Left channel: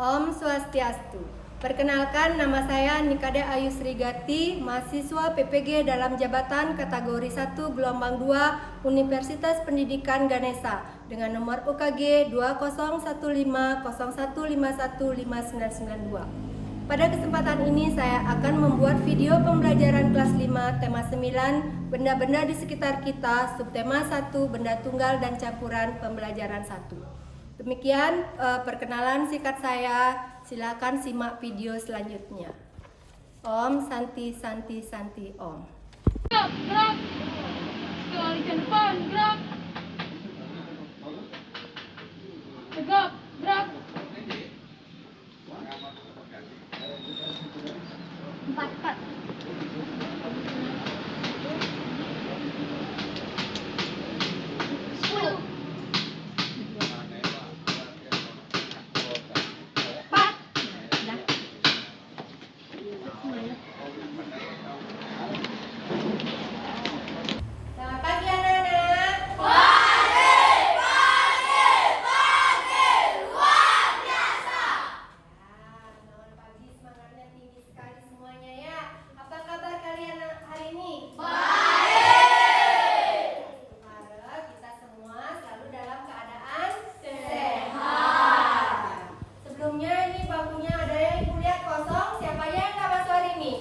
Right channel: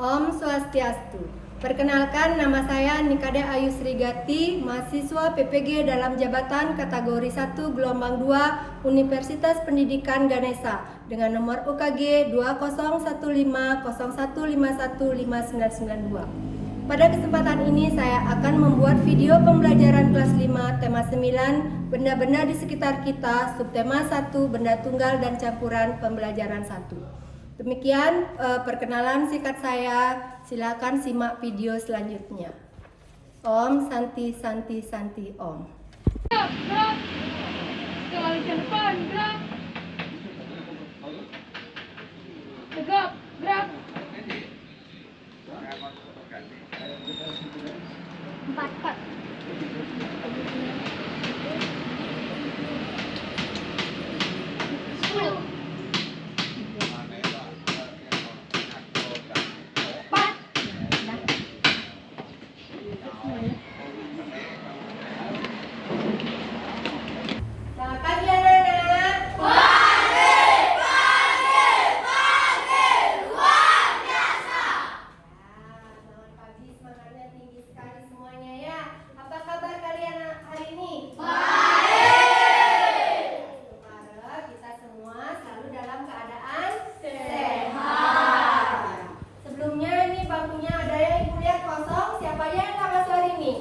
Om Swastiastu. Perkenalkan, nama saya Nikade Ayu Srigati, mahasiswa PPG dalam jabatan kategori 1 gelombang 2 Universitas Pendidikan Ganesha dengan nomor UKG 201501515992. Pada kesempatan ini saya akan membuat video pembelajaran kelas 5 tema 9 benda-benda di sekitar kita, subtema 1 benda tunggal dan campuran pembelajaran 1. Demikian perkenalan singkat saya. Silakan simak video selanjutnya. Om Santi Santi Santi Om. Gerak, sekali ke depan, gerak. Tegak, gerak. 4. Selamat pagi anak-anak. Selamat pagi, semangatnya tinggi sekali semuanya ya. Apa kabar kalian hari ini? Semoga kita semua selalu dalam keadaan sehat. Sebelumnya ini bangkunya ada yang ibu lihat kosong. Siapa yang nggak masuk hari ini?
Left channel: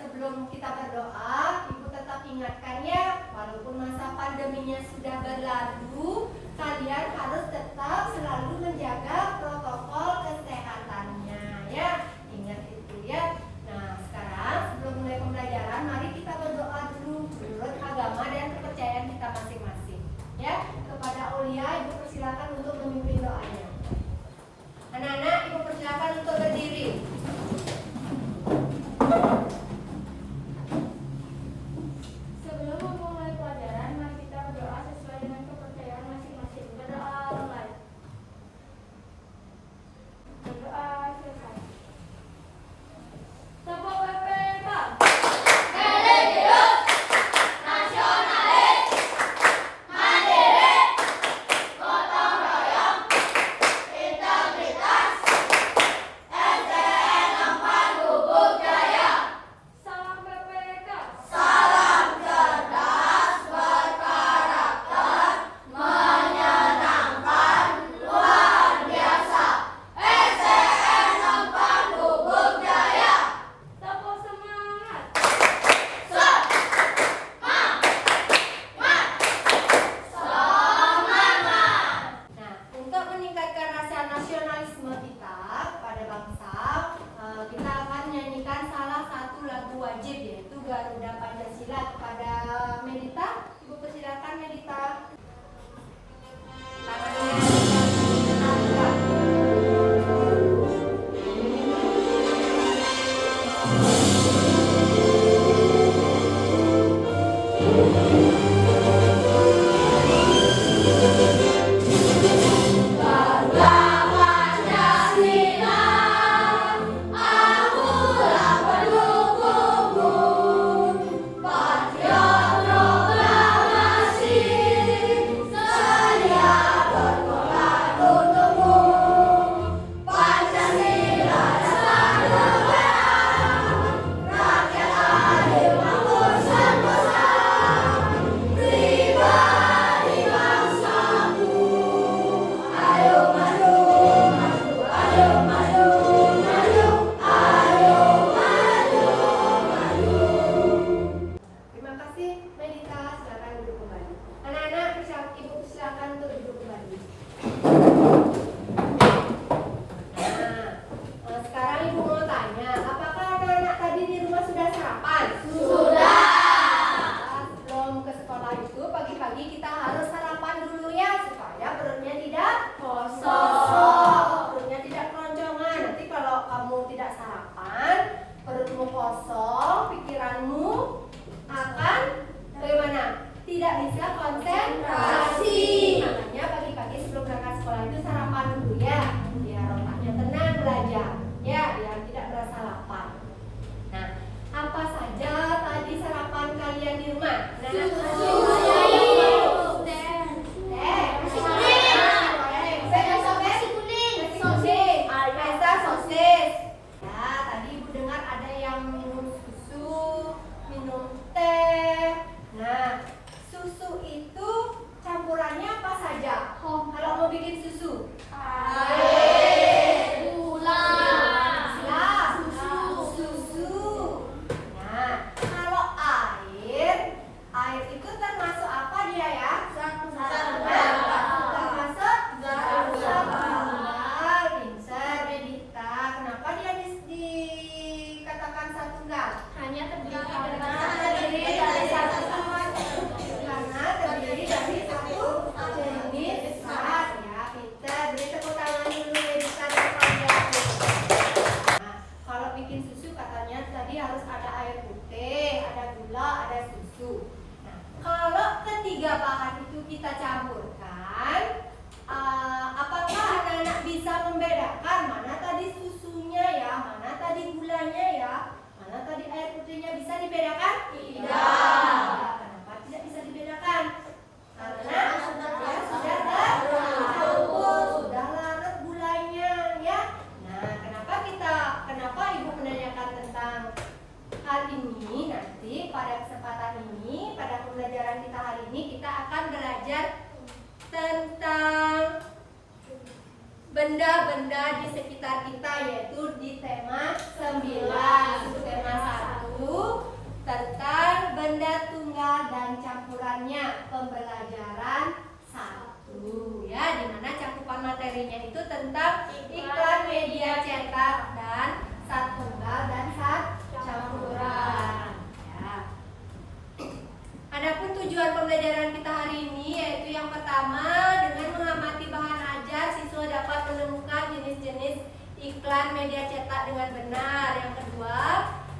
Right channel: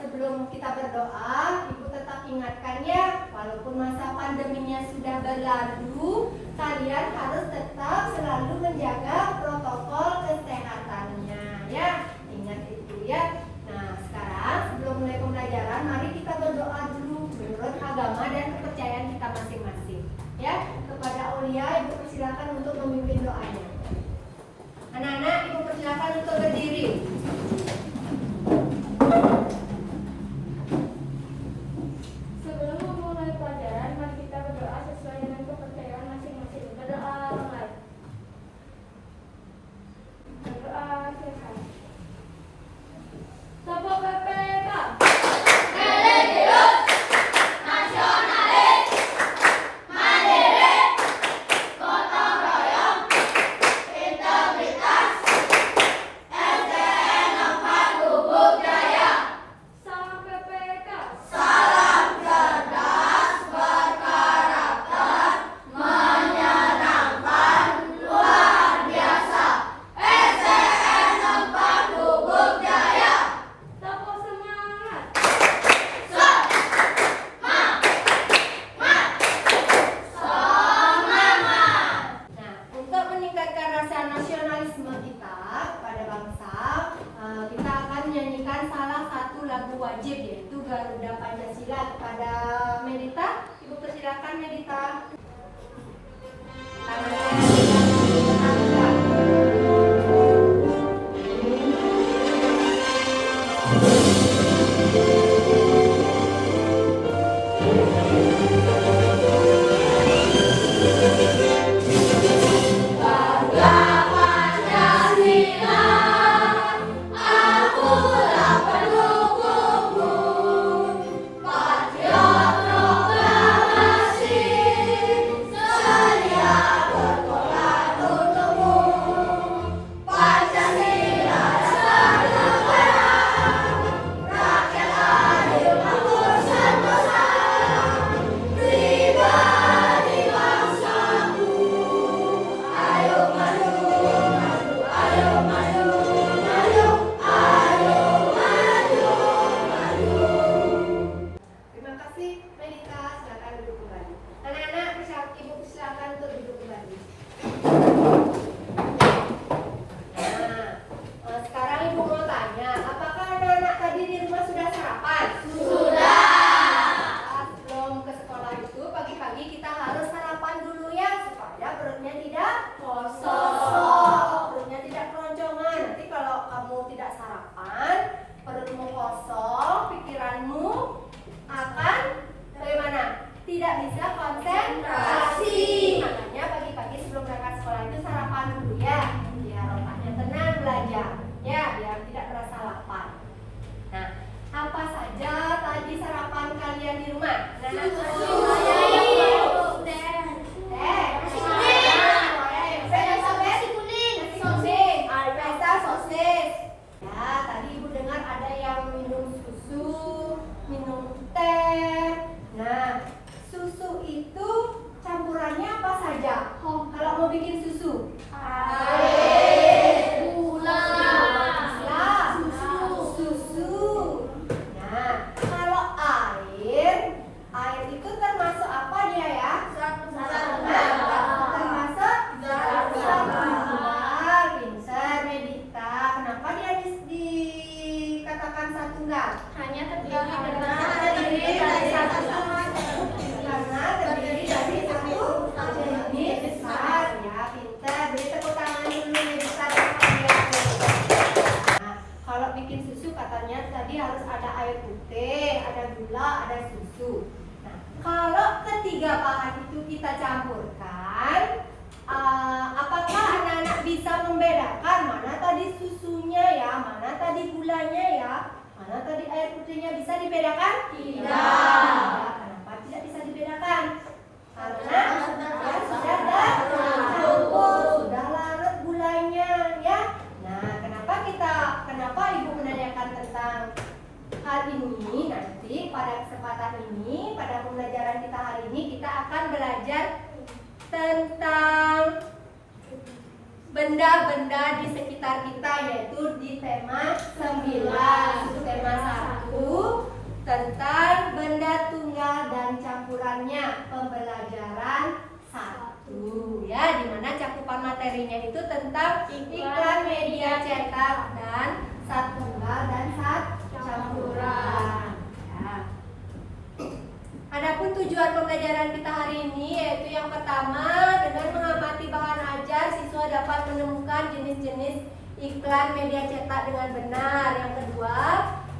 Sebelum kita berdoa, Ibu tetap ingatkan ya, walaupun masa pandeminya sudah berlalu, kalian harus tetap selalu menjaga protokol kesehatannya ya. Ingat itu ya. Nah, sekarang sebelum mulai pembelajaran, mari kita berdoa dulu menurut agama dan kepercayaan kita masing-masing. Ya, kepada Aulia, Ibu persilakan untuk memimpin doanya. Anak-anak, Ibu persilakan untuk berdiri. Sebelum memulai pelajaran, mari kita berdoa sesuai dengan kepercayaan masing-masing. Berdoa mulai. Berdoa selesai. Sapa PPK. Salam PPK. Sapo semangat. Nah, untuk meningkatkan rasa nasionalisme kita pada bangsa, kita akan menyanyikan salah satu lagu wajib yaitu Garuda Pancasila. Kepada Melita, Ibu persilakan Melita. Tangannya diangkat. Patriot tadi gulanya ya? Mana tadi air putihnya, bisa dibedakan? Tidak. Kenapa tidak bisa dibedakan? Karena sudah tercampur, sudah larut gulanya ya. Nah, kenapa Ibu menanyakan tentang hal ini? Nanti pada kesempatan ini, pada pembelajaran kita hari ini, kita akan belajar tentang benda-benda di sekitar kita, yaitu di tema 9, tema 1 tentang benda tunggal dan campurannya, pembelajaran 1 ya, dimana cakupan materinya itu tentang iklan media cetak dan sat tunggal dan sat campuran ya. Adapun tujuan pembelajaran kita hari ini yaitu yang pertama, dengan mengamati bahan ajar siswa dapat menemukan jenis-jenis iklan media cetak dengan benar. Yang kedua,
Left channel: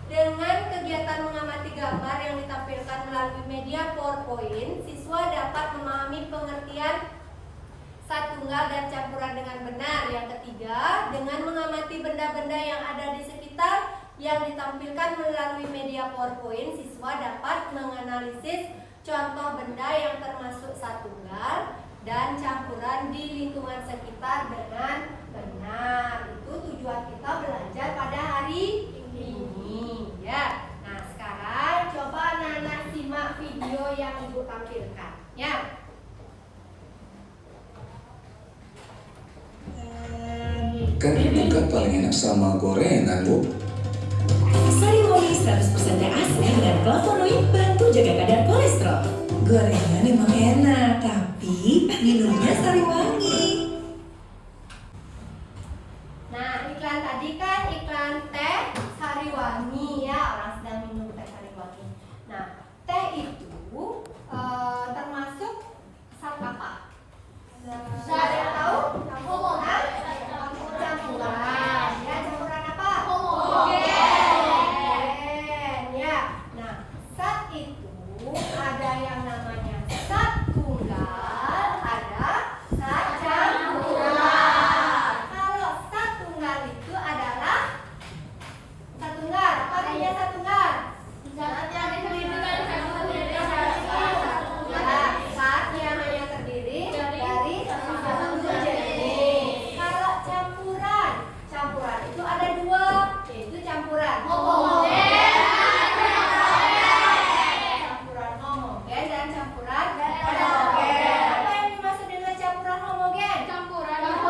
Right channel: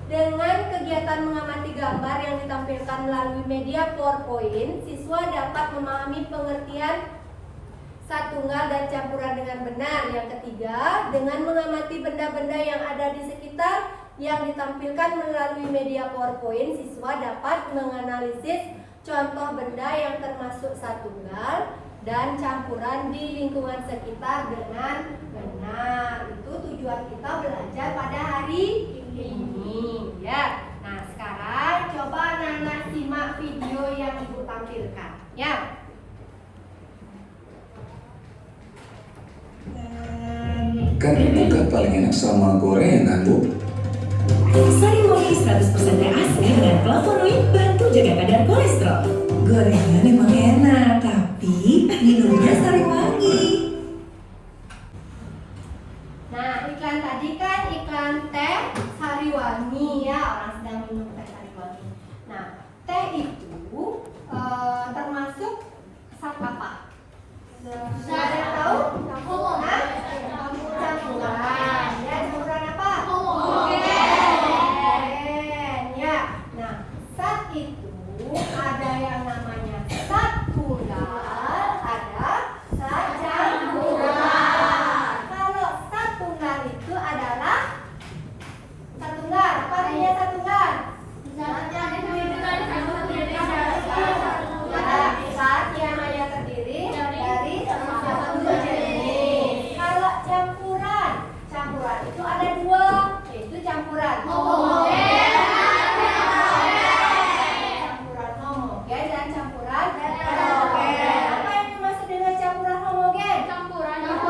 dengan kegiatan mengamati gambar yang ditampilkan melalui media PowerPoint, siswa dapat memahami pengertian sat tunggal dan campuran dengan benar. Yang ketiga, dengan mengamati benda-benda yang ada di sekitar yang ditampilkan melalui media PowerPoint, siswa dapat menganalisis contoh benda yang termasuk sat tunggal dan campuran di lingkungan sekitar dengan benar. Itu tujuan kita belajar pada hari ini ya. Nah, sekarang coba anak-anak simak video yang Ibu tampilkan ya. Kan bukan paling enak sama gorengan, Bu. Sari Wangi 100% asli dengan flavonoid bantu jaga kadar kolesterol. Gorengan emang enak, tapi minumnya Sari Wangi. Nah, iklan tadi kan iklan teh Sariwangi ya, orang sedang minum teh Sariwangi. Nah, teh itu termasuk sat apa? Sudah tahu? Hah? Campuran. Ya, campuran apa? Homogen. Ya. Nah, sat itu ada yang namanya sat tunggal, ada sat campuran. Kalau sat tunggal itu adalah sat tunggal. Apa artinya sat tunggal? Sat yang hanya terdiri dari satu jenis. Kalau campuran itu ada dua, yaitu campuran homogen dan campuran heterogen. Apa yang dimaksud dengan campuran homogen? Campuran yang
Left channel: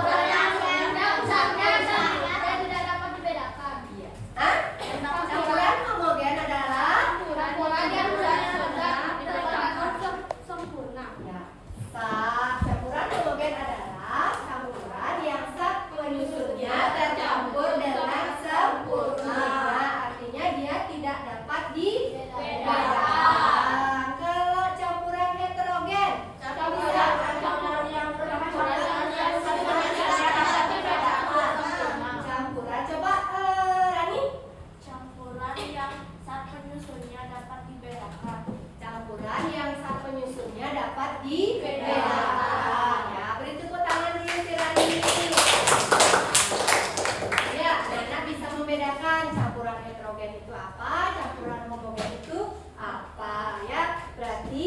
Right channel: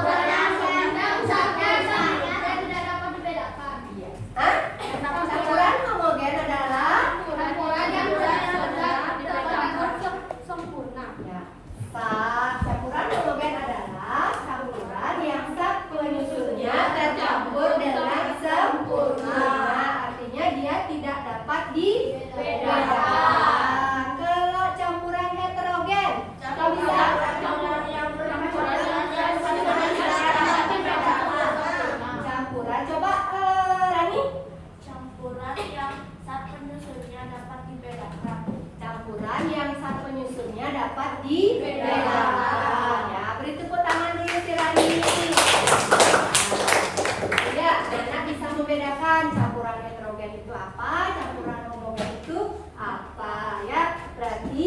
zat-zatnya sama dan tidak dapat dibedakan. Hah? Campuran homogen adalah Campuran yang zat-zatnya dibedakan sempurna. ya. Campuran homogen adalah campuran yang zat penyusunnya tercampur dengan sempurna. Artinya dia tidak dapat dibedakan. Kalau campuran heterogen, apa bisa? Campuran, coba Rani. Campuran yang zat penyusunnya dapat dibedakan. Campuran yang zat penyusunnya dapat dibedakan. Ya, beri tepuk tangan dulu si Rani. Ya, anak bisa membedakan campuran heterogen itu apa, campuran homogen itu apa ya. Berarti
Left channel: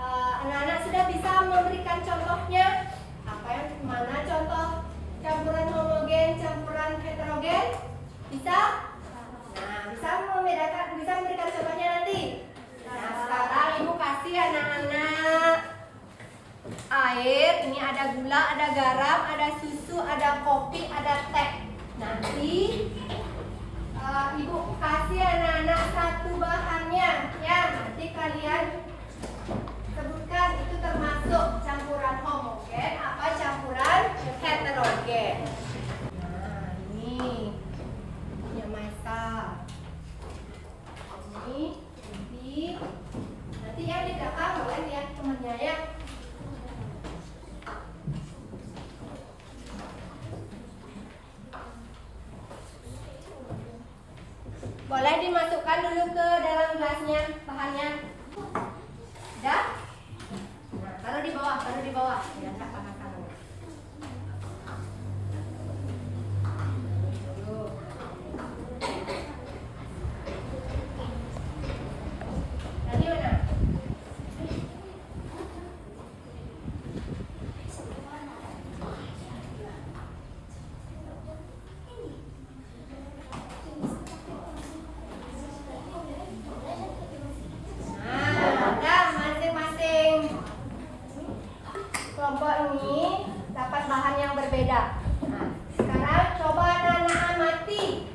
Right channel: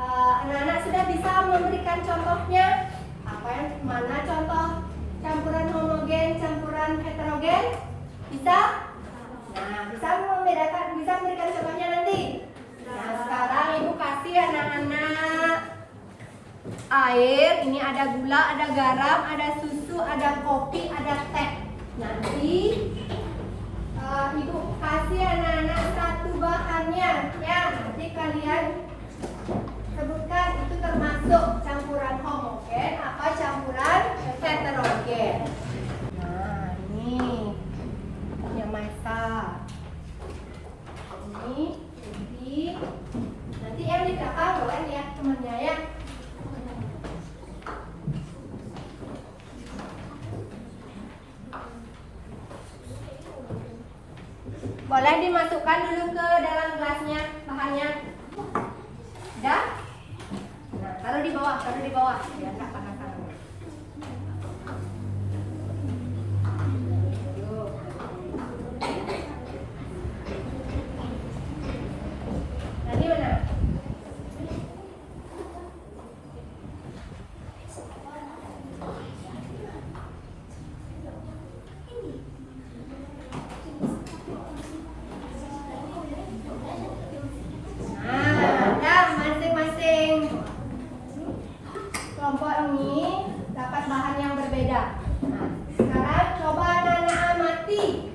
anak-anak sudah bisa memberikan contohnya. Mana contoh campuran homogen, campuran heterogen? Bisa? Nah, bisa membedakan, bisa memberikan contohnya nanti. Nah, sekarang Ibu kasih anak-anak air. Ini ada gula, ada garam, ada susu, ada kopi, ada teh. Nanti Ibu kasih anak-anak satu bahannya ya. Nanti kalian sebutkan itu termasuk campuran homogen apa campuran heterogen. Nah, ini yang masak. Ini nanti yang di belakang boleh ya temannya ya. Boleh dimasukkan dulu ke dalam gelasnya bahannya. Udah? Nah, taruh di bawah biar nggak panas-panas. Tuh. beda-beda. Nah, sekarang coba anak-anak amati.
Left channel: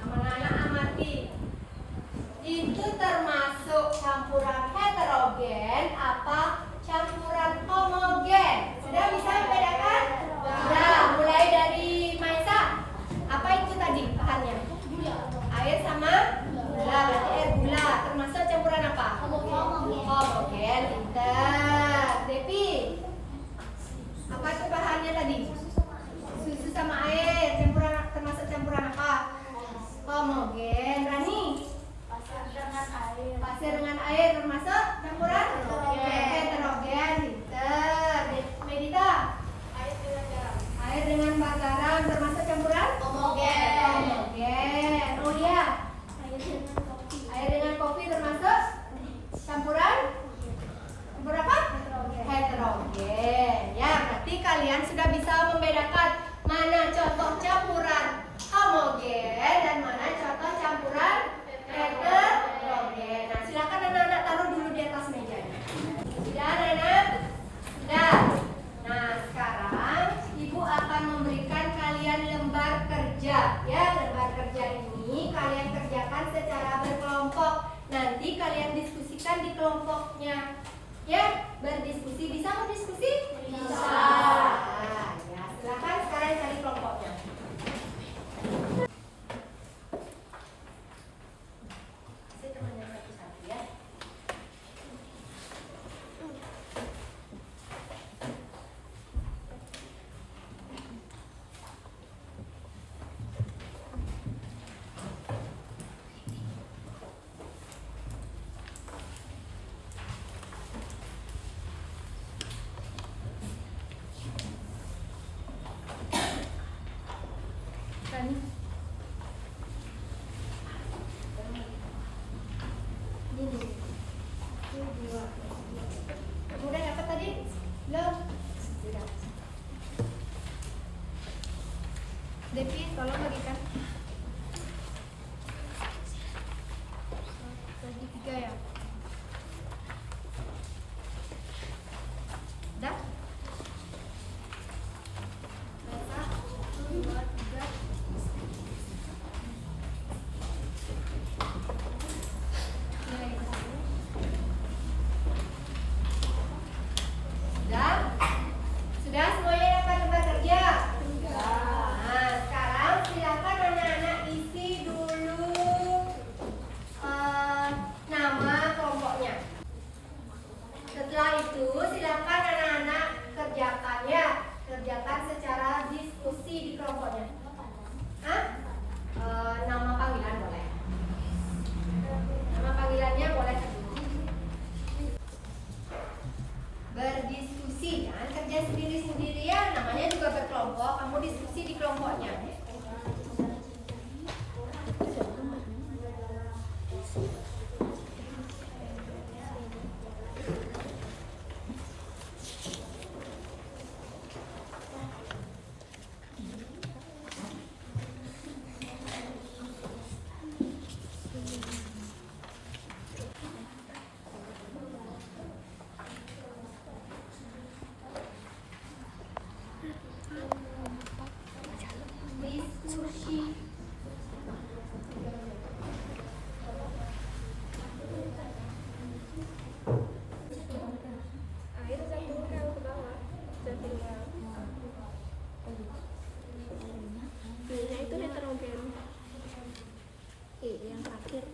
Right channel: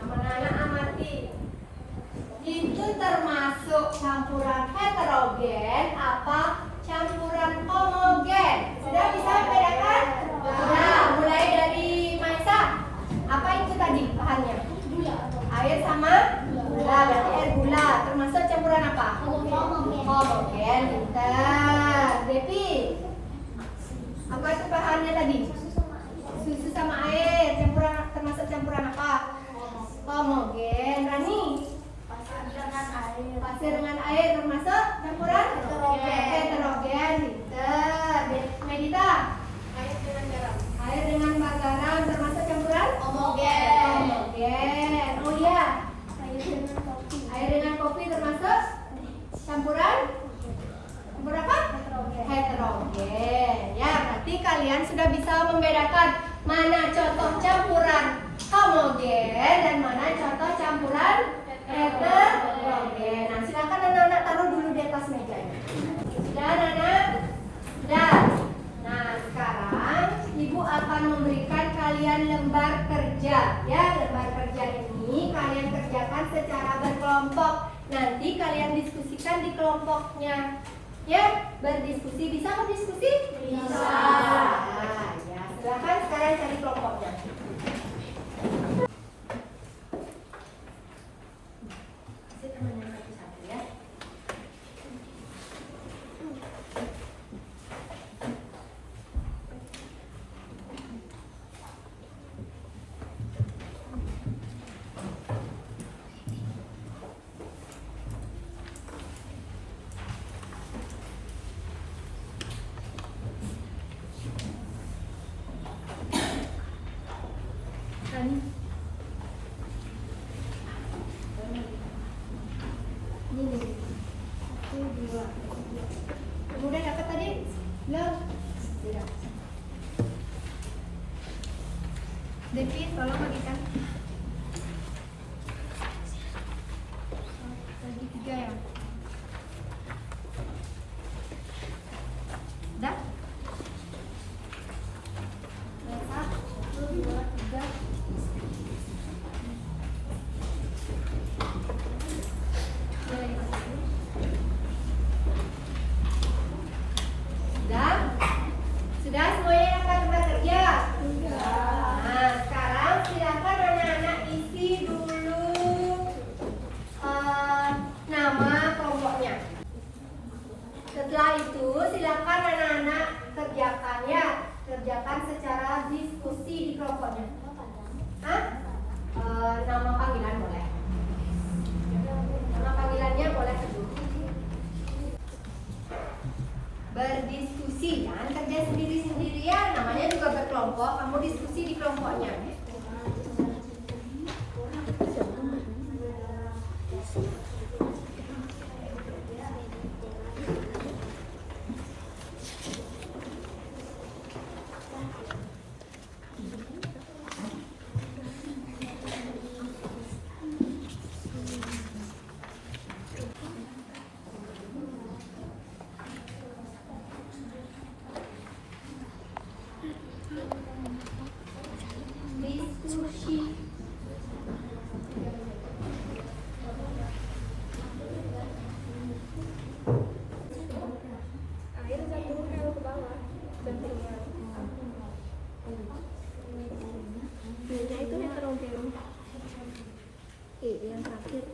Anak-anak amati. Itu termasuk campuran heterogen apa campuran homogen? Sudah bisa membedakan? Sudah. Mulai dari Maisa. Apa itu tadi bahannya? Air sama gula. Berarti air gula. Termasuk campuran apa? Homogen. Pintar. Devi. Apa itu bahannya tadi? Susu sama air. Campuran termasuk campuran apa? Homogen. Rani. Pasir dengan air termasuk campuran heterogen. Pintar. Medita. Air dengan garam termasuk campuran homogen. Oh iya. Air dengan kopi termasuk campuran apa? Heterogen. Ya, berarti kalian sudah bisa membedakan mana contoh campuran homogen dan mana contoh campuran heterogen. Nah, silakan anak-anak taruh dulu di atas mejanya. Sudah, anak? Sudah. Nah, sekarang Ibu akan memberikan kalian lembar kerja. Ya, lembar kerja ini kalian kerjakan secara berkelompok. Nanti kalian diskusikan di kelompoknya. Ya, berdiskusi. Bisa berdiskusi? Bisa. Nah, ya, silakan sekarang cari kelompoknya. Saya temannya satu-satu ya. Udah dapat tadi? Belum? Udah. Devi, tolong berikan. Bagi 3 ya. Dah? Lesa, 1, 2, 3. Sudah semuanya yang akan bekerja? Nah, sekarang silakan anak-anak isi dulu nama kelompoknya. Setelah itu silakan anak-anak kerjakan ya, kerjakan secara diskusi di kelompoknya. Nama panggilan boleh. Nama panggilannya boleh berdiskusi, jangan kerja sendiri-sendiri ya, namanya juga berkelompok, kamu diskusi di kelompoknya. Air jatuhkan ke bawah dan tinggal. Minyak itu heterogen. Yang terakhir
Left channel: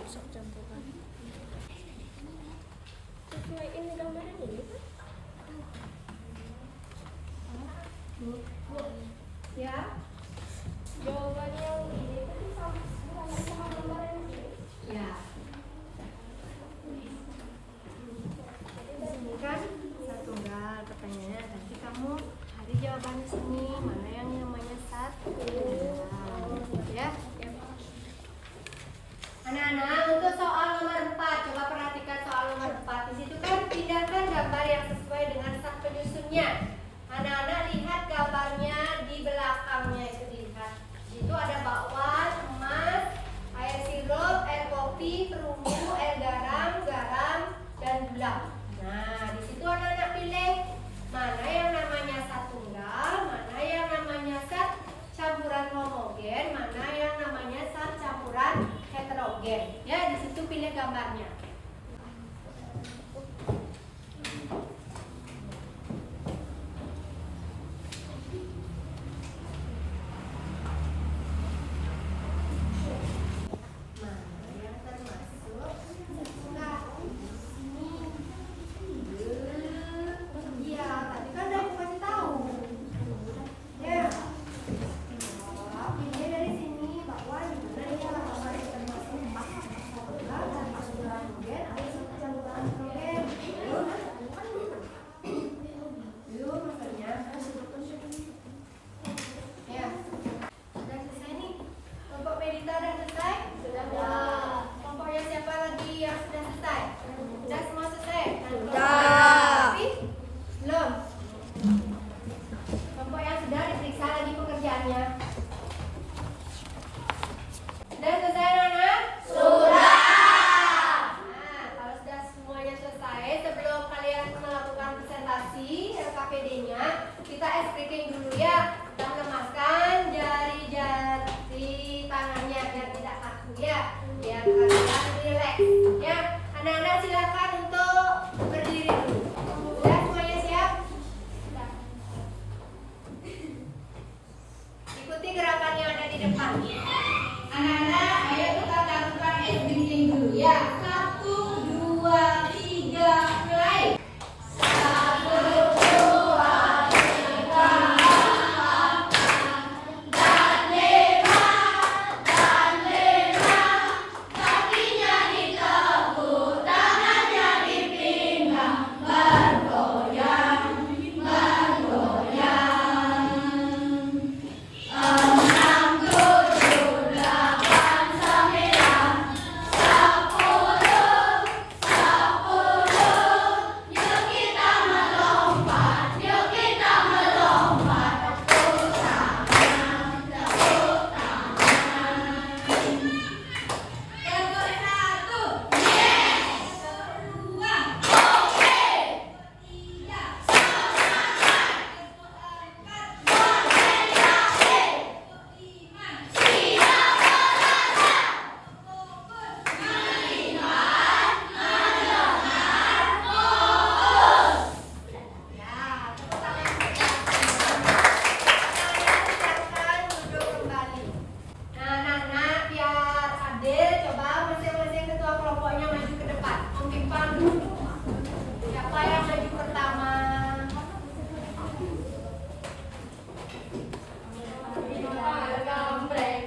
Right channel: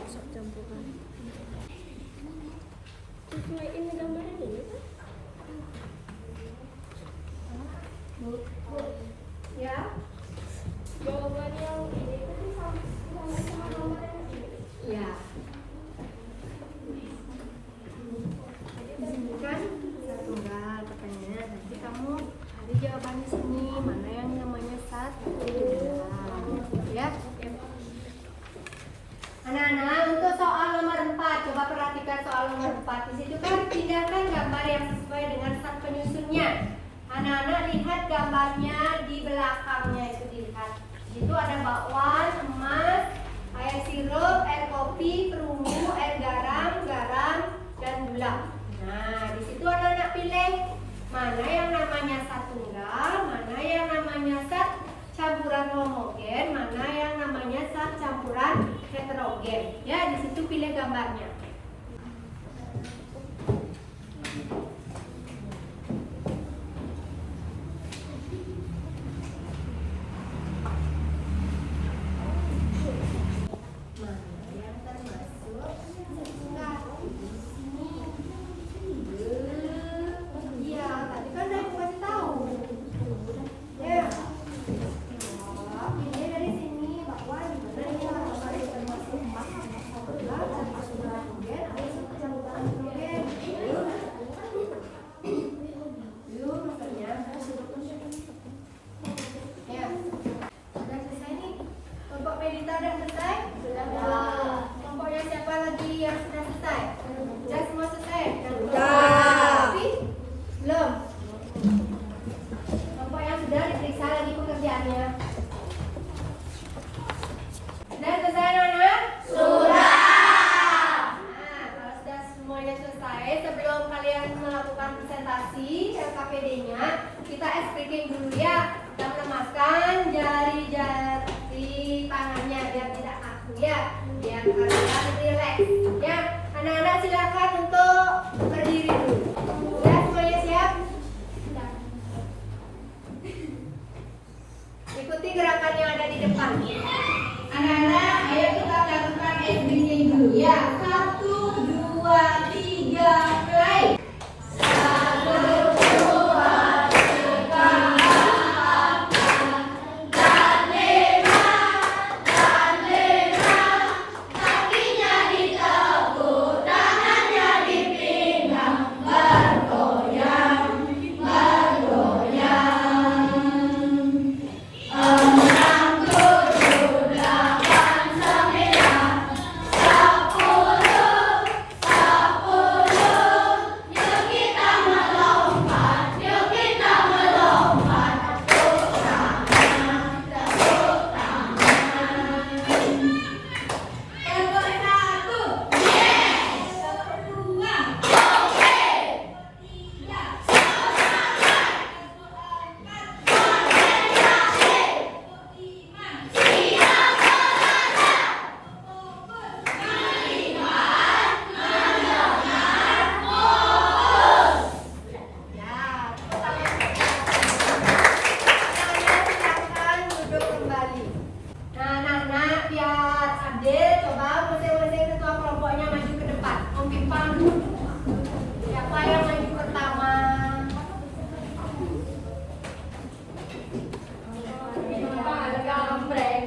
masuk campuran. Ini gambarnya ini kan? Ya, Jawaban yang ini itu sama gambarnya. ya. Ini kan tunggal pertanyaannya, nanti kamu cari jawabannya sini, mana yang namanya 1. Ya. Anak-anak, untuk soal nomor 4, coba perhatikan soal nomor 4. Di situ kan pindahkan gambar yang sesuai dengan sak penyusunnya. Anak-anak lihat gambarnya di belakangnya itu lihat. Di situ ada bakwan. mana yang namanya zat tunggal, mana yang namanya zat campuran homogen, mana yang namanya zat campuran heterogen. Ya, di situ pilih gambarnya. Presentasi LKPD-nya, kita explicating dulu ya. Kita melemaskan jari-jari tangannya biar tidak kaku ya, biar kalian relax ya. Anak-anak silakan untuk berdiri dulu. Ya, semuanya siap? Ikuti gerakan yang ada di depan. Anak-anak, ayo kita lakukan explicating dulu ya. 1, 2, 3, play.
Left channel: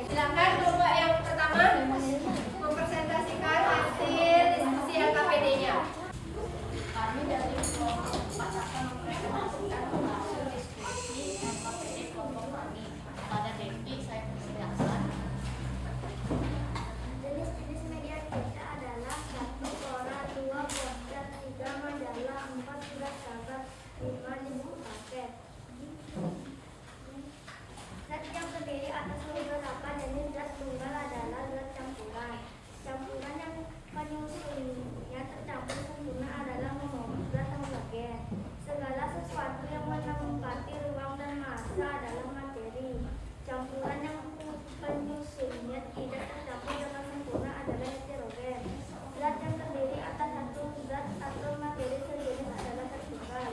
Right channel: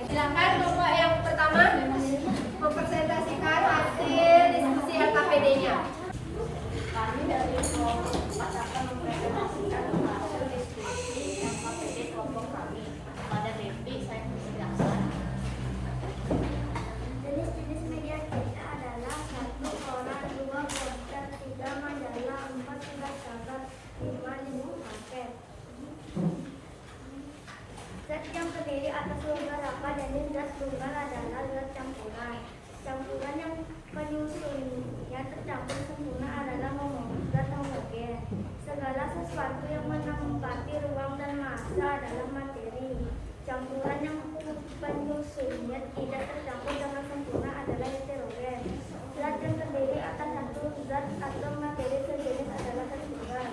Silakan kelompok yang pertama mempresentasikan hasil diskusi LKPD-nya. Kami dari kelompok 4 akan mempresentasikan hasil diskusi LKPD kelompok kami. Pada BP saya persilakan. Jenis-jenis media kita adalah 1 koran, 2 poster, 3 majalah, 4 surat kabar, 5 jenis paket. Zat yang terdiri atas beberapa jenis zat tunggal adalah zat campuran. Campuran yang penyusunnya tercampur sempurna adalah zat homogen. Segala sesuatu yang menempati ruang dan massa adalah materi. Campuran yang penyusunnya tidak tercampur dengan sempurna adalah heterogen. Zat yang terdiri atas satu zat atau materi sejenis adalah zat tunggal.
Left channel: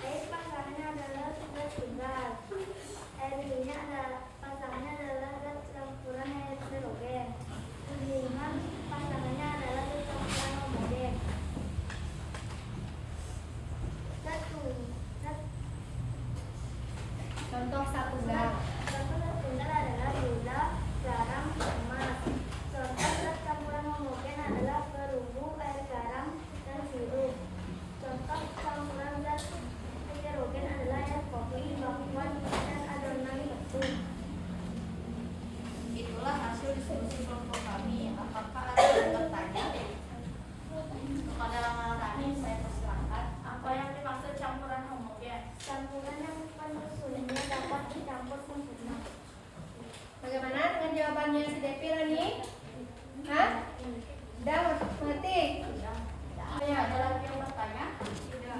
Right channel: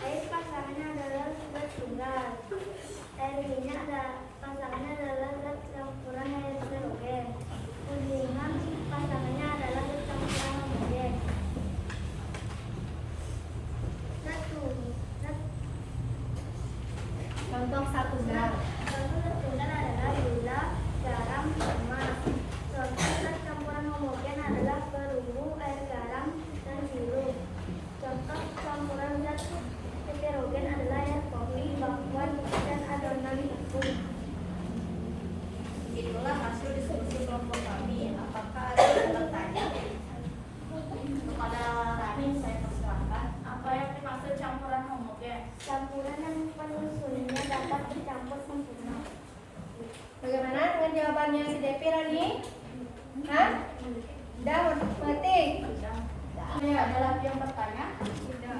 Air pasangannya adalah zat tunggal. Air minyak pasangannya adalah zat campuran heterogen. Kuningan pasangannya adalah zat campuran homogen. Contoh zat tunggal. Contoh zat tunggal adalah gula, garam, lemak. Contoh zat campuran homogen adalah perunggu, air garam, dan sirup. Contoh campuran zat heterogen adalah air kopi, bakwan, dan adonan tepung. Itulah hasil diskusi kelompok kami. Apakah ada yang bertanya? Kepada Rani saya persilakan. Apa yang dimaksud campuran homogen? Campuran yang penyusunnya dapat dicampur sempurna. Bagaimana dengan jawabannya si Depi, Rani? Hah? Udah ngerti? Ini ada lagi yang bertanya? Tidak.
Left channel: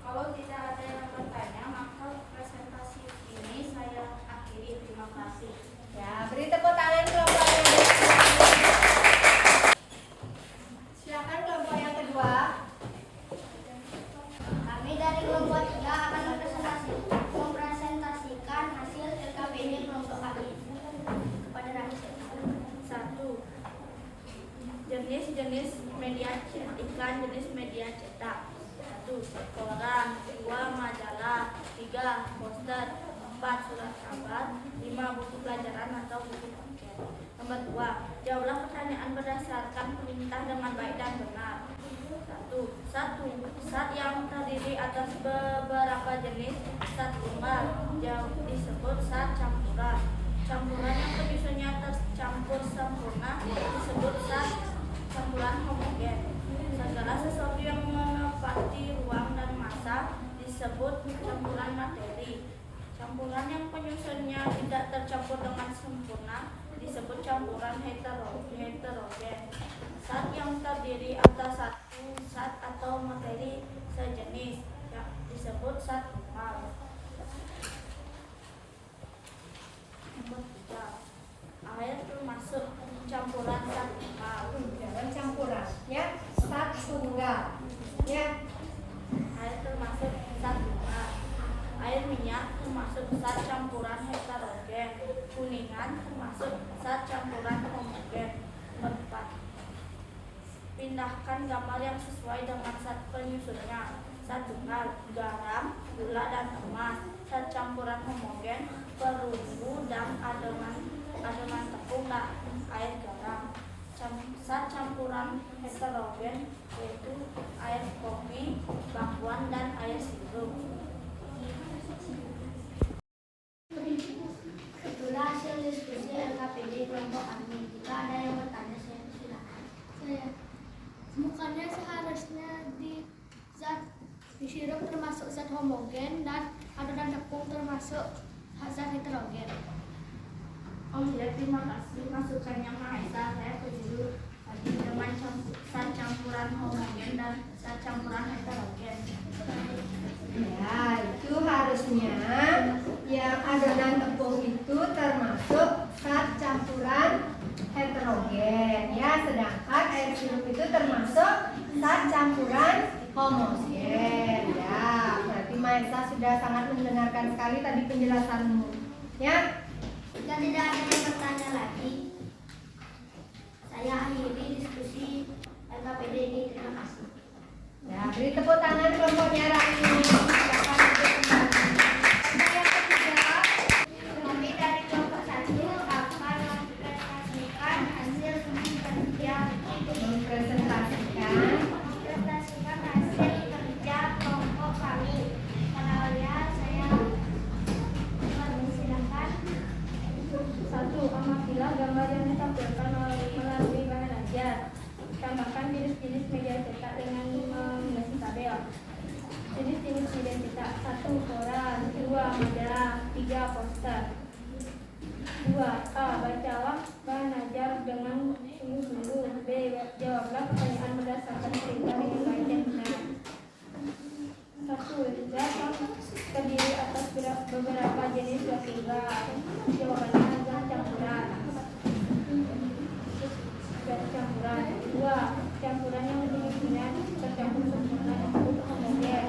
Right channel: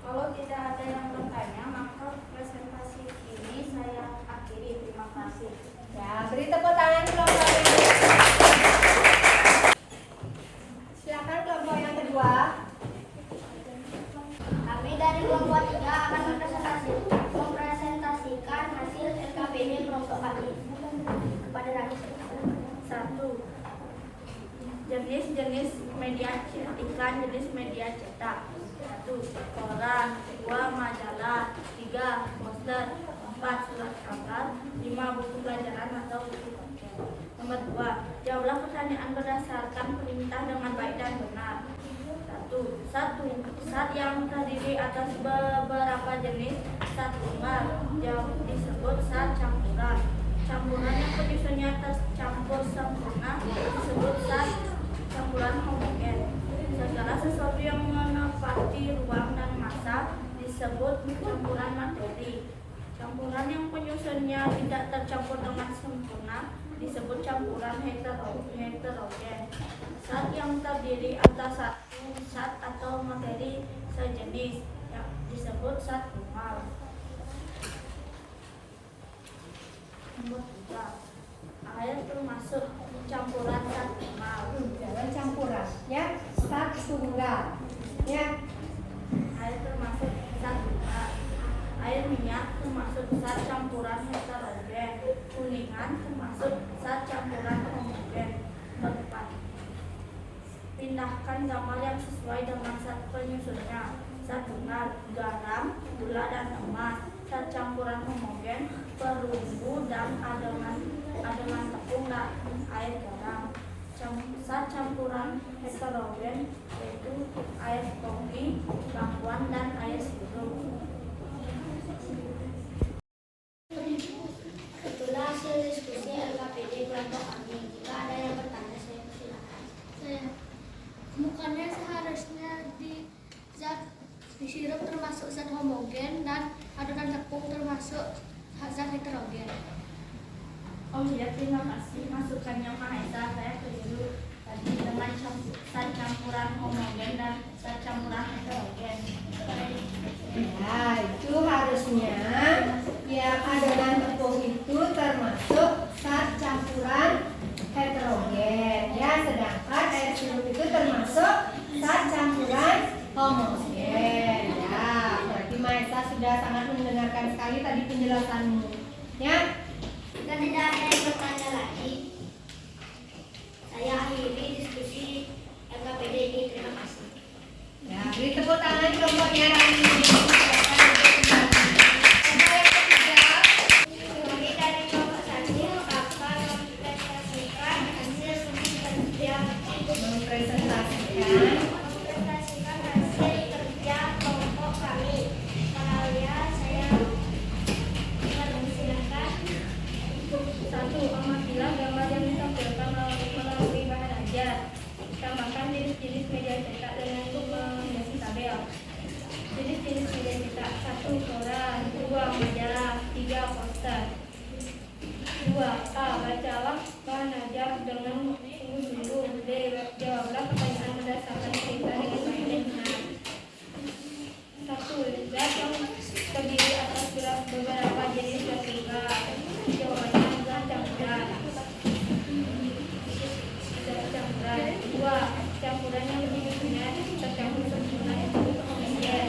Kalau tidak ada yang bertanya, maka presentasi ini saya akhiri. Terima kasih. Ya, beri tepuk tangan kelompok yang silakan kelompok yang kedua. Kami dari kelompok 3 akan mempresentasikan hasil LKPD kelompok kami kepada Ranis. 1. Jenis-jenis media iklan jenis media cetak. 1. Koran. 2. Majalah. 3. Poster. 4. Surat kabar. 5. Buku pelajaran atau buku konten. Nomor 2. Jawablah pertanyaan berdasarkan perintah dengan baik dan benar. 1. Zat yang terdiri atas beberapa jenis zat tunggal disebut zat campuran. Campuran yang penyusunnya tercampur sempurna disebut zat campuran homogen. Segala sesuatu yang menepati ruang dan massa disebut campuran materi. Campuran yang penyusunnya tidak tercampur dengan sempurna disebut campuran heterogen. Zat yang terdiri atas satu zat atau materi sejenis yang disebut zat tunggal. Nomor 3. Air termasuk campuran zat tunggal. Jangan campuran, ya. Zat tunggal, ya. Air termasuk zat tunggal. Air minyak termasuk zat campuran heterogen. Kuningan termasuk zat campuran homogen. 4. Pindahkan gambar yang sesuai dengan zat penyusunnya. Zat tunggal, garam, gula dan emas. Zat campuran homogen, perunggu dan adonan tepung dan air garam. Zat campuran heterogen yaitu air kopi, bakwan dan air sirup. Itulah hasil diskusi LKPD kelompok kami. Jika ada yang bertanya, saya persilakan. Bukannya seharusnya di sirup termasuk zat homogen dan adonan tepung termasuk zat heterogen. Oh iya, terima kasih masukannya Maesa. Saya setuju tadi dengan zat campuran homogen dan zat campuran heterogen. Ya, itu harusnya yang adonan tepung itu termasuk zat campuran heterogen, ya, sedangkan air sirup itu termasuk zat campuran homogen. Ya, berarti Maesa sudah sangat mendengarkan sekali tadi penjelasanmu, ya. Jika tidak ada yang bertanya lagi, saya akhiri diskusi LKPD ini. Terima kasih. Ya, beri tepuk tangan kelompoknya Rani. Kami dari kelompok 1 akan mempresentasikan hasil kerja Mempresentasikan kelompok kami. Kenalnya saya persilakan. 1. Amatilah gambar yang ditampilkan melalui bahan ajar. Tambahkan jenis-jenis media cetak dengan mengisi tabel. Jenis-jenis media cetak: 1. Koran. 2. Majalah. 3. Poster. 2. A. Bacalah bahan ajar dengan sungguh-sungguh. B. Jawablah pertanyaan berdasarkan cerita dengan baik dan benar. 1. Zat yang terdiri atas beberapa jenis zat tunggal. Jawabannya zat campuran. Zat campuran. 2. Campuran yang penyusunnya tercampur sempurna disebut homogen.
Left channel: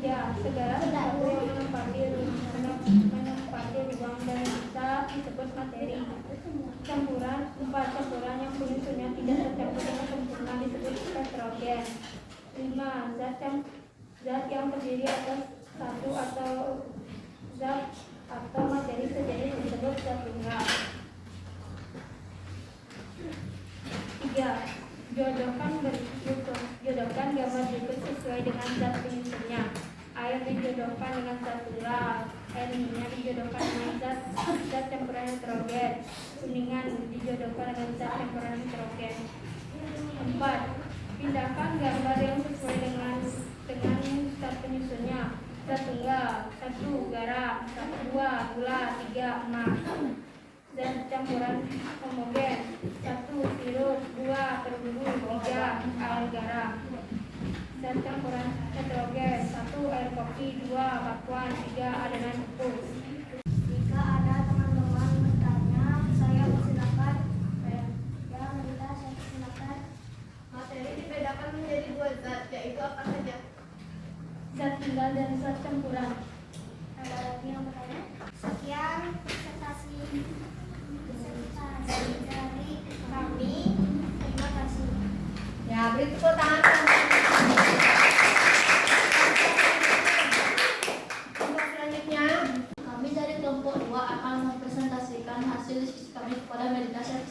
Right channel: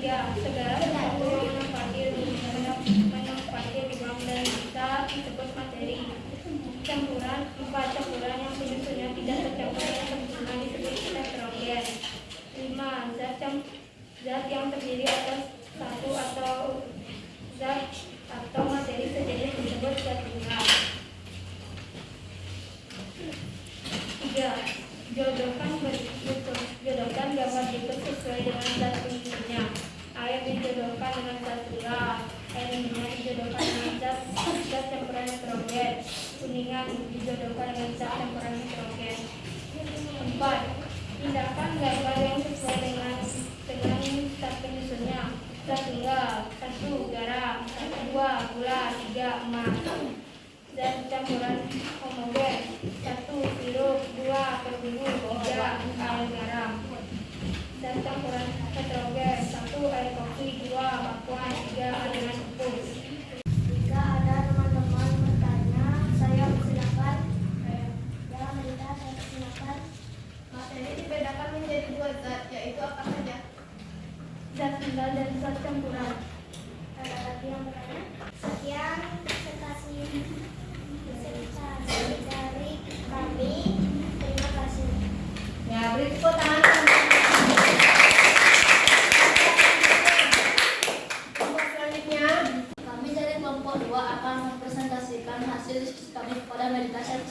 3. Segala sesuatu yang menempati ruang dan massa disebut materi. Campuran. 4. Campuran yang penyusunnya tidak tercampur dengan sempurna disebut heterogen. 5. Zat yang terdiri atas satu atau zat atau materi sejenis disebut zat tunggal. 3. Jodohkan gambar berikut sesuai dengan zat penyusunnya. Air dijodohkan dengan zat tunggal. Air minyak dijodohkan dengan zat campuran heterogen. Kuningan dijodohkan dengan zat campuran heterogen. 4. Pindahkan gambar yang sesuai dengan zat penyusunnya. Zat tunggal: 1. Garam. 2. Gula. 3. Emas. Zat campuran homogen:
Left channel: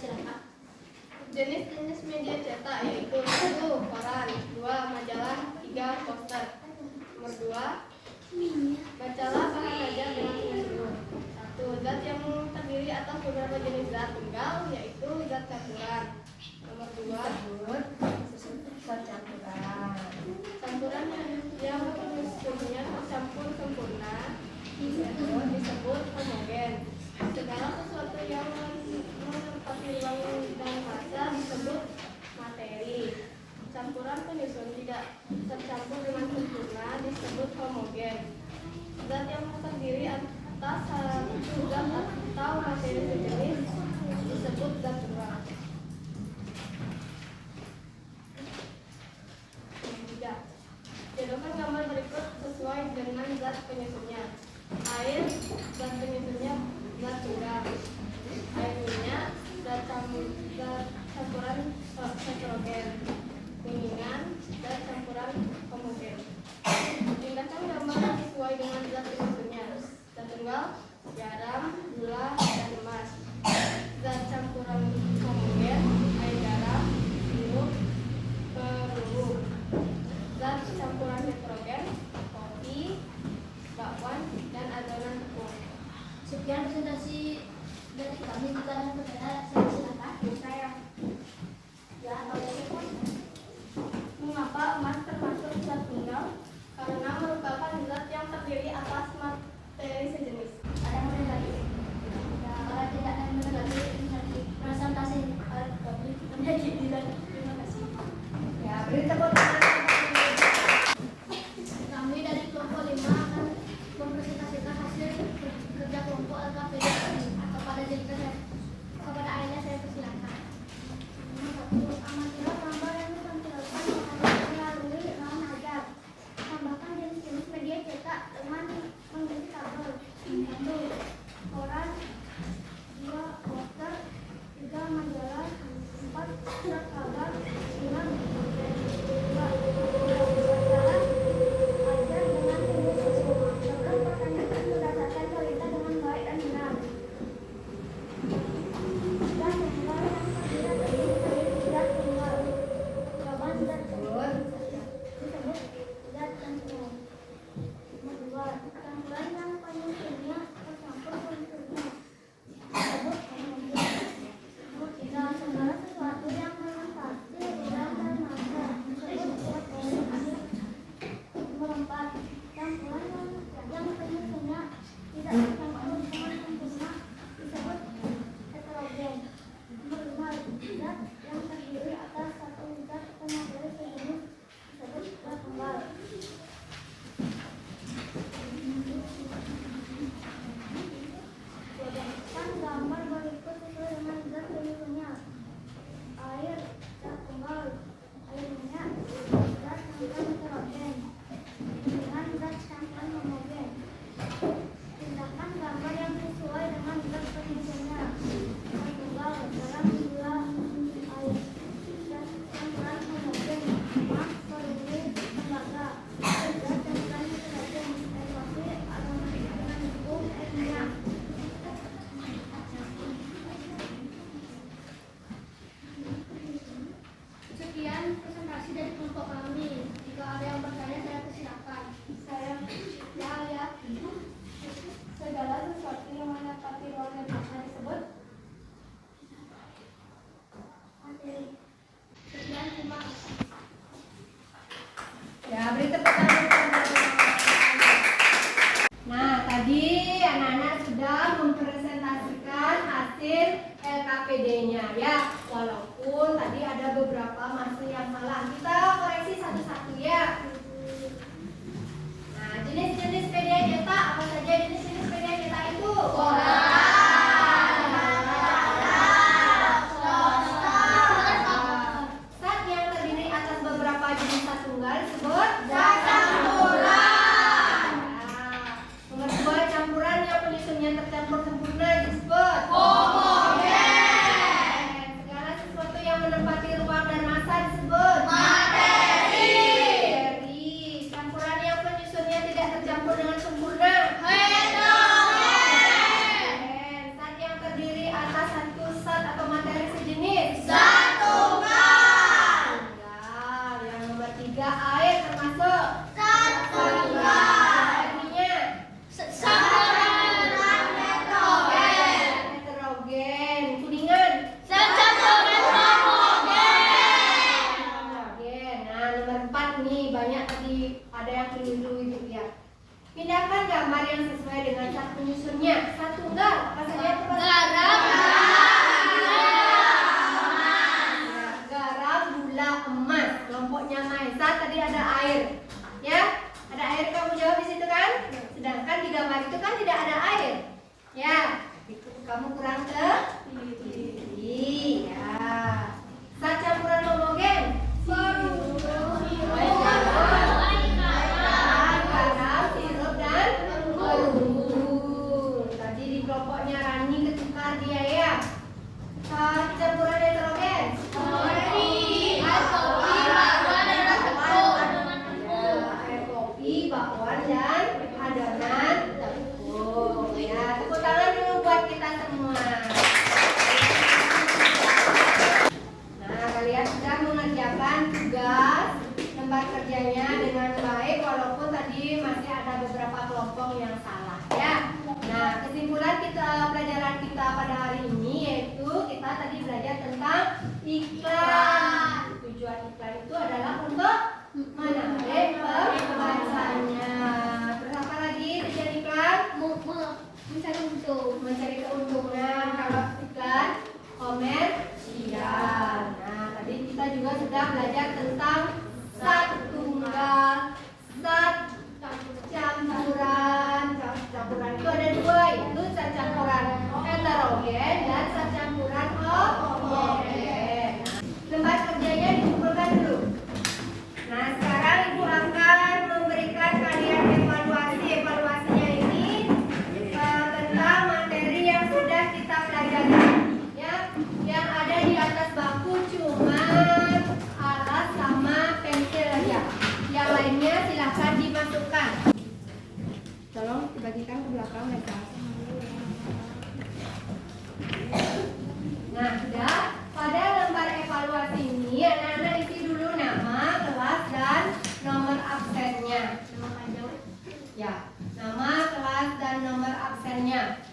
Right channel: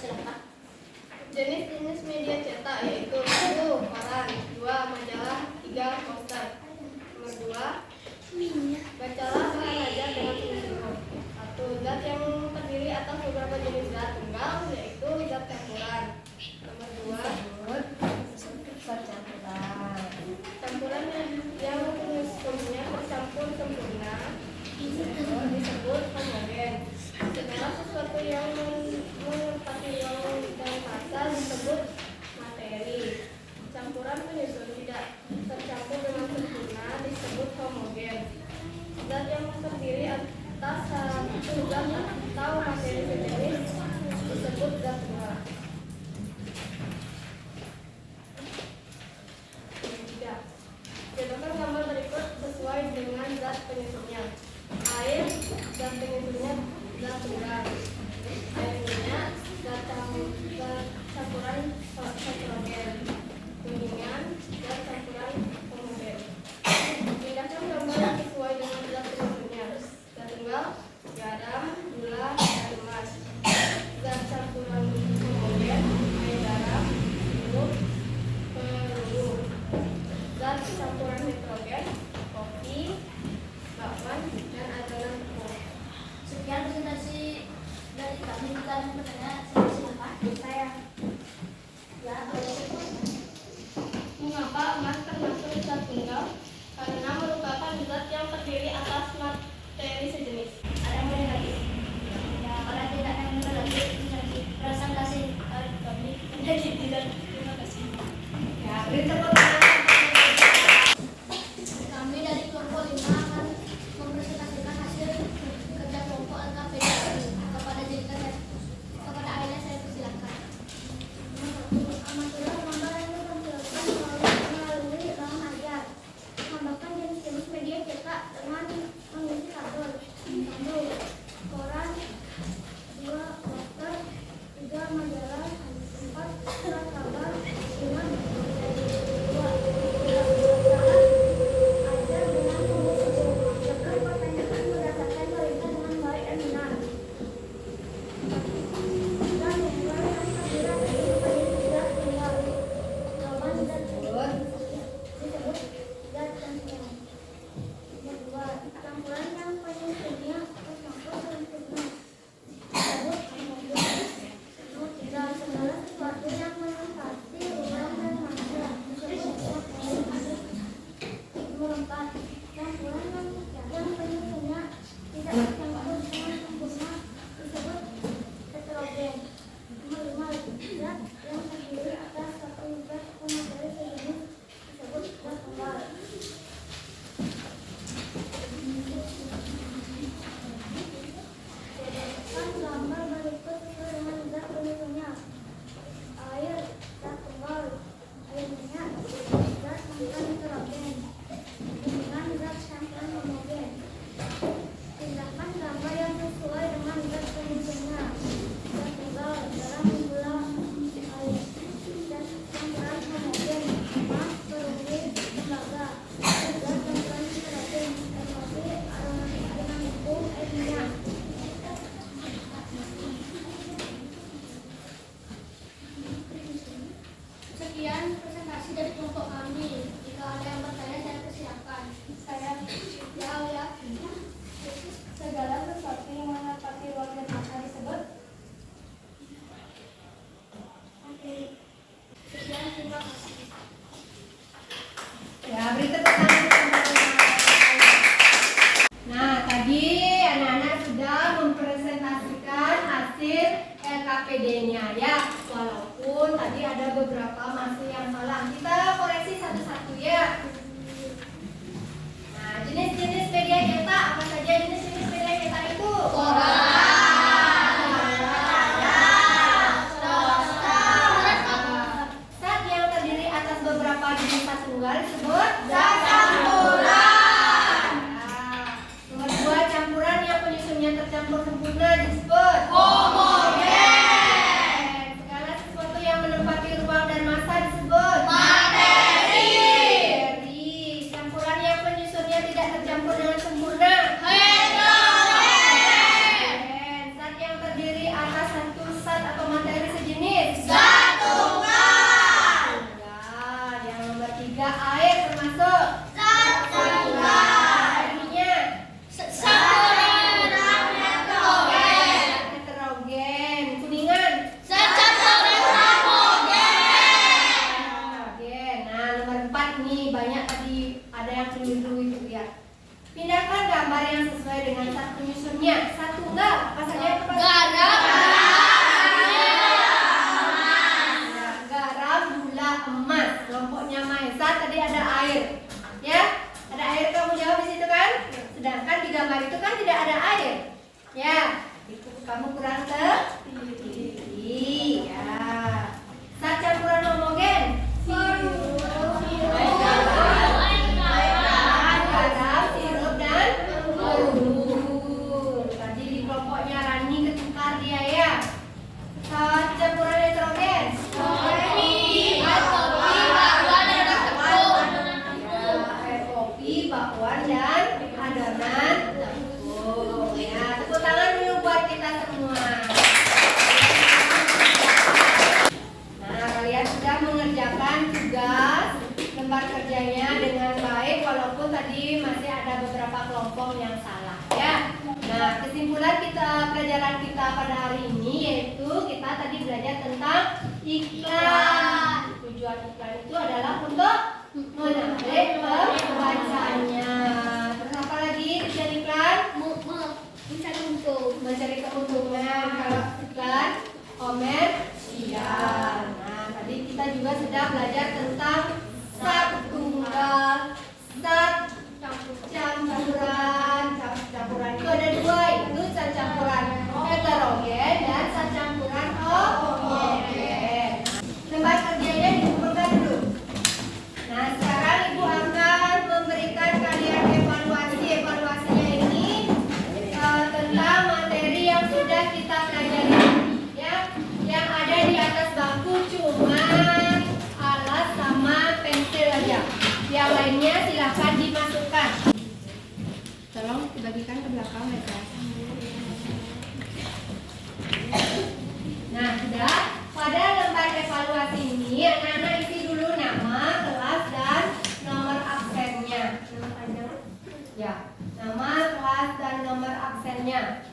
Silakan. Jenis-jenis media cetak yaitu 1. Koran, 2. Majalah, 3. Poster. Nomor 2. Bacalah saran ajar dengan sungguh-sungguh. 1. Zat yang terdiri atas beberapa jenis zat tunggal yaitu zat campuran. Nomor 2. Percampuran. Campuran yang penyusunnya tercampur sempurna disebut homogen. Segala sesuatu yang menempati ruang dan massa disebut materi. Campuran penyusun tidak tercampur dengan sempurna disebut homogen. Zat yang terdiri atas satu zat atau materi sejenis disebut zat tunggal. 3. Jelaskan gambar berikut sesuai dengan zat penyusunnya. Air, zat penyusunnya zat tunggal. Air minyak, zat campuran heterogen. Kuningan, zat campuran homogen. Pindahkan gambar sesuai dengan zat penyusunnya. Zat tunggal, garam, gula, dan emas. Zat campuran homogen, air garam, sirup, peluru. Zat campuran heterogen, kopi, bakwan, dan adonan tepung. Sekian presentasi dari kami. Jika ada pertanyaan, saya silakan. Saya Ya, kalau Mengapa emas termasuk zat tunggal? Karena merupakan zat yang terdiri atas materi sejenis. ada yang melihat ya, pada tidak yang lagi presentasi kami menjadi tidak. Terima kasih. Ya, beri tepuk tangan. Kami dari kelompok 5 akan mempresentasikan hasil kerja kelompok LKPD kepada Jennifer. Kepada Aina saya persilakan. amatilah gambar yang ditampilkan melalui bahan ajar. Tambahkan jenis-jenis media cetak dengan mengisi tabel. 1. Koran, 2. Poster, 3. Majalah, 4. Surat kabar, 5. Bacalah ajar dengan sungguh-sungguh. Jawabkan pertanyaan berdasarkan cerita dengan baik dan benar. Zat tunggal yang terdiri atas beberapa jenis zat tunggal. Jawaban zat tunggal disebut zat campuran. Nomor 2. Campuran yang penyusunnya tercampur sempurna disebut homogen. Nomor 3. Segala sesuatu yang menempati ruang dan massa disebut materi. Nomor 4. Campuran yang penyusunnya tidak tercampur dengan sempurna disebut heterogen. Nomor 5. Zat yang terdiri atas satu zat atau materi sejenis disebut zat tunggal. Buatkan gambar berikut sesuai dengan zat penyusunnya. Air, zat tunggal. Air minyak, zat campuran heterogen. Kuningan, zat campuran homogen. Pindahkan gambar yang sesuai dengan zat penyusunnya. Zat tunggal, garam, gula, air. Zat campuran homogen, emas, peluru, tembaga. Zat campuran heterogen, air kopi, adonan tepung, air minyak. Sekian presentasi dari kelompok kami. Jika ada yang bertanya, saya persilakan. Saya ya. Segala sesuatu yang menempati ruang dan massa disebut materi. Sekian, terima kasih. Ya, beri tepuk tangan. Nah, tadi anak-anak sudah mempresentasikan hasil LKPD-nya ya. Walaupun tadi ada beberapa masih yang salah. Kita koreksi satu-satu ya. Nah, jenis-jenis media cetak apa saja jenis-jenis media cetak itu? Zat yang terdiri atas beberapa jenis zat tunggal disebut zat campuran. Nomor 2, campuran yang penyusunnya tercampur sempurna disebut homogen. Segala sesuatu yang menempati ruang dan massa disebut materi. beberapa kelompok yang salah ya. Nah, kesimpulan pelajaran kita pada hari ini yaitu kita tadi belajar tentang iklan. Tujuan iklan itu adalah untuk menarik pembacanya. Terus apa lagi tujuan iklan? Mencari untung. Mencari keuntungan. Kalau iklan komersial. Nah, tadi kita juga sudah belajar tentang sat tunggal, sat campuran. Campuran itu ada dua, yaitu sat campuran heterogen dan sat campuran homogen. Lembar kerjanya dikumpulkan dulu. Nah, sekarang Ibu akan memberikan kalian evaluasi. Evaluasinya ini tentang materi yang sudah kita pelajari ya. Yang ada di atas bangku cuma alas sama pensil aja. Yang lainnya silakan dimasukkan. Tolong dibagikan ke belakang ya, Kak. Nah, sudah. Pada lembar evaluasi ini anak-anak isi dulu nama, kelas dan nomor absennya. Nama panjang? Ya, nama, kelas dan nomor absennya.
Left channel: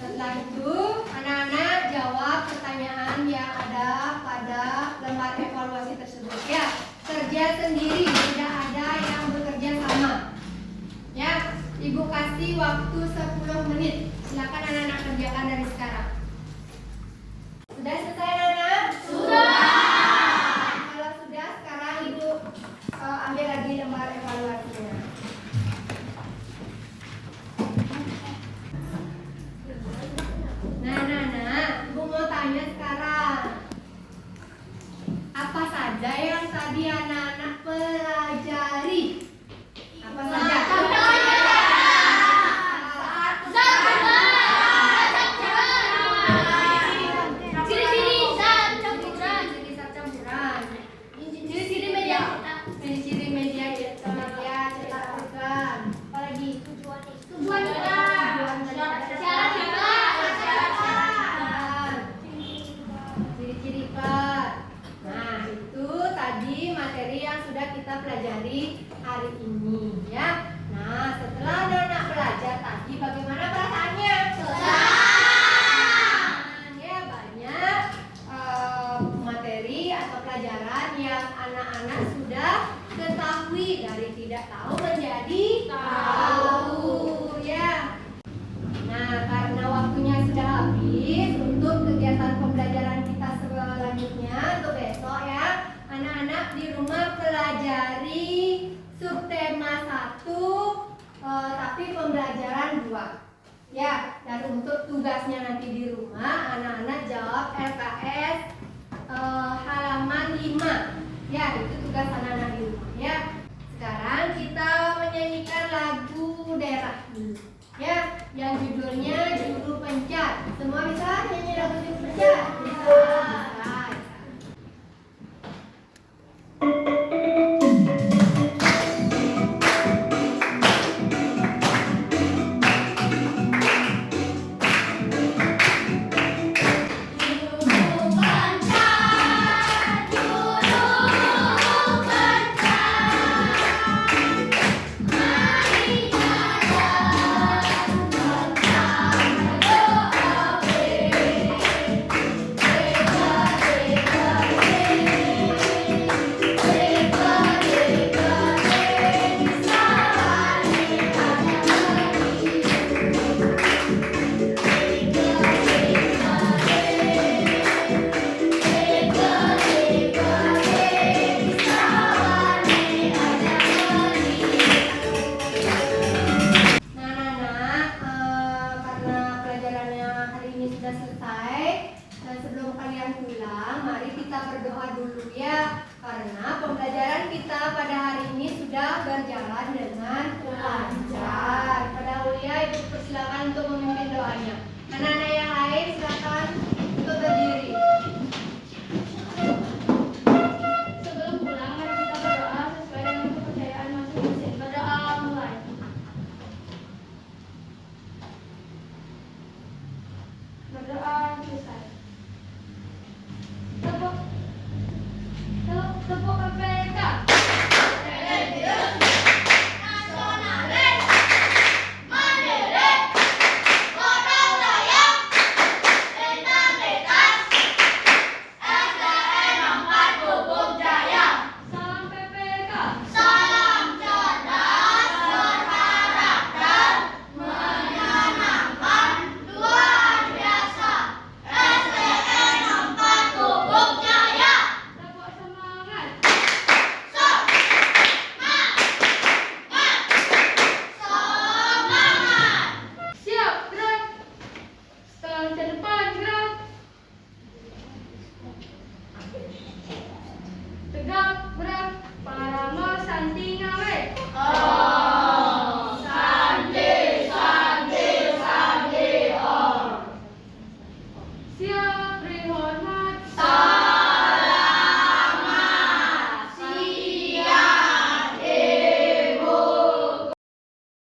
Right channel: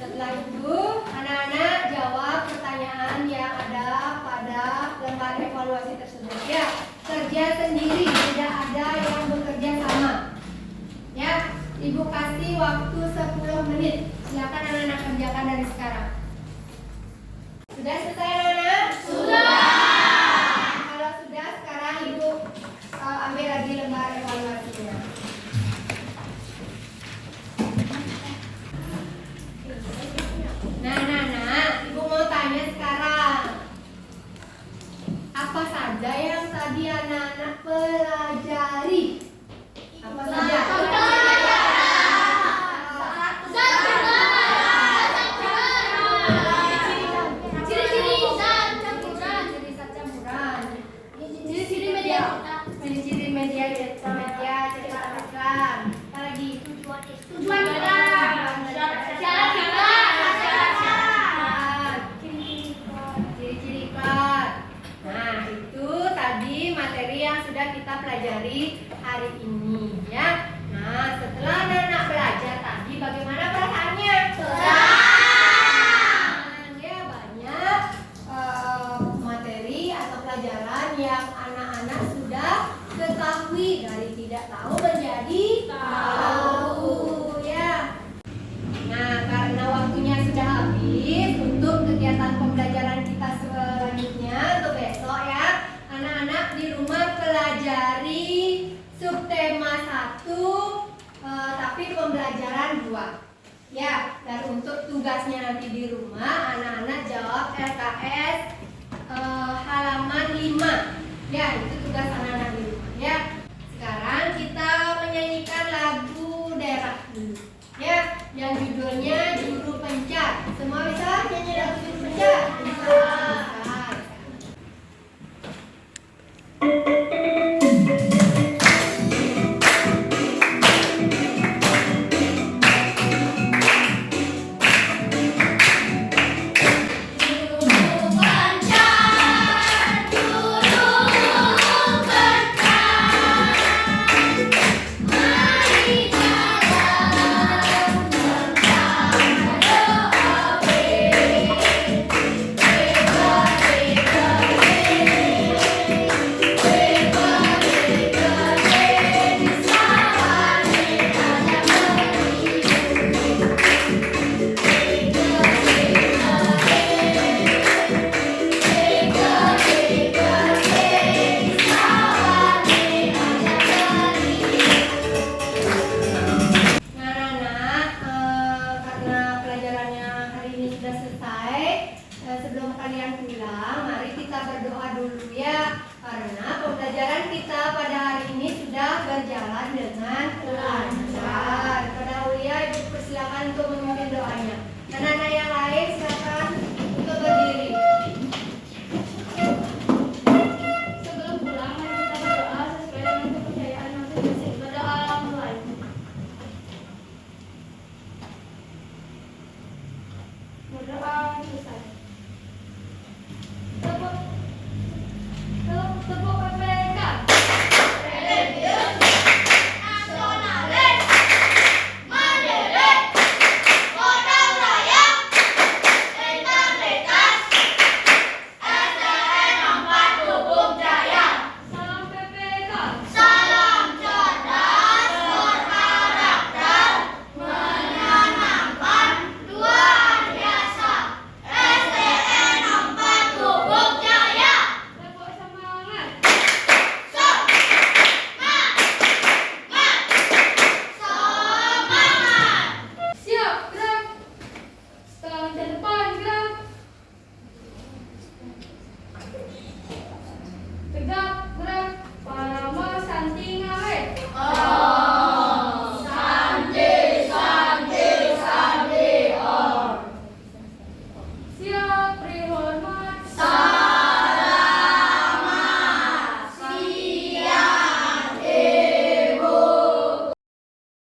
Setelah itu anak-anak jawab pertanyaan yang ada pada lembar evaluasi tersebut ya. Kerja sendiri, tidak ada yang bekerja sama. Ya, Ibu kasih waktu 10 menit. Silakan anak-anak kerjakan dari sekarang. Sudah selesai anak-anak? Sudah. Kalau sudah, sekarang Ibu ambil lagi lembar evaluasinya. Nah, anak-anak, Ibu mau tanya sekarang. Apa saja yang tadi anak-anak pelajari? Apa saja? Ciri-ciri media cetak iklan. Apa lagi? Tujuan iklan. Ciri-ciri iklan. Nah, itu tadi materi yang sudah kita pelajari hari ini ya. Nah, setelah anak-anak belajar tadi bagaimana perasaannya? Ya, banyak materi atau pelajaran yang anak-anak sudah ketahui, dari tidak tahu menjadi tahu ya. Nah, karena waktunya sudah habis untuk kegiatan pembelajaran kita selanjutnya untuk besok ya, anak-anak di rumah pelajari subtema 1 tapi pembelajaran 2 ya. Dan untuk tugasnya nanti di rumah anak-anak jawab LKS halaman 5 ya, itu tugas anak-anak di rumah ya. Sekarang kita menyanyikan lagu daerah dulu ya, yang judulnya Juru Pencar. Semua bisa nyanyi lagu Juru Pencar? Bisa. Sebelum kalian pulang, mari kita berdoa dulu ya, karena pembelajaran kita pada hari ini sudah berjalan dengan lancar. Pada Uya, Ibu persilakan untuk memimpin doanya. Anak-anak yang lain silakan.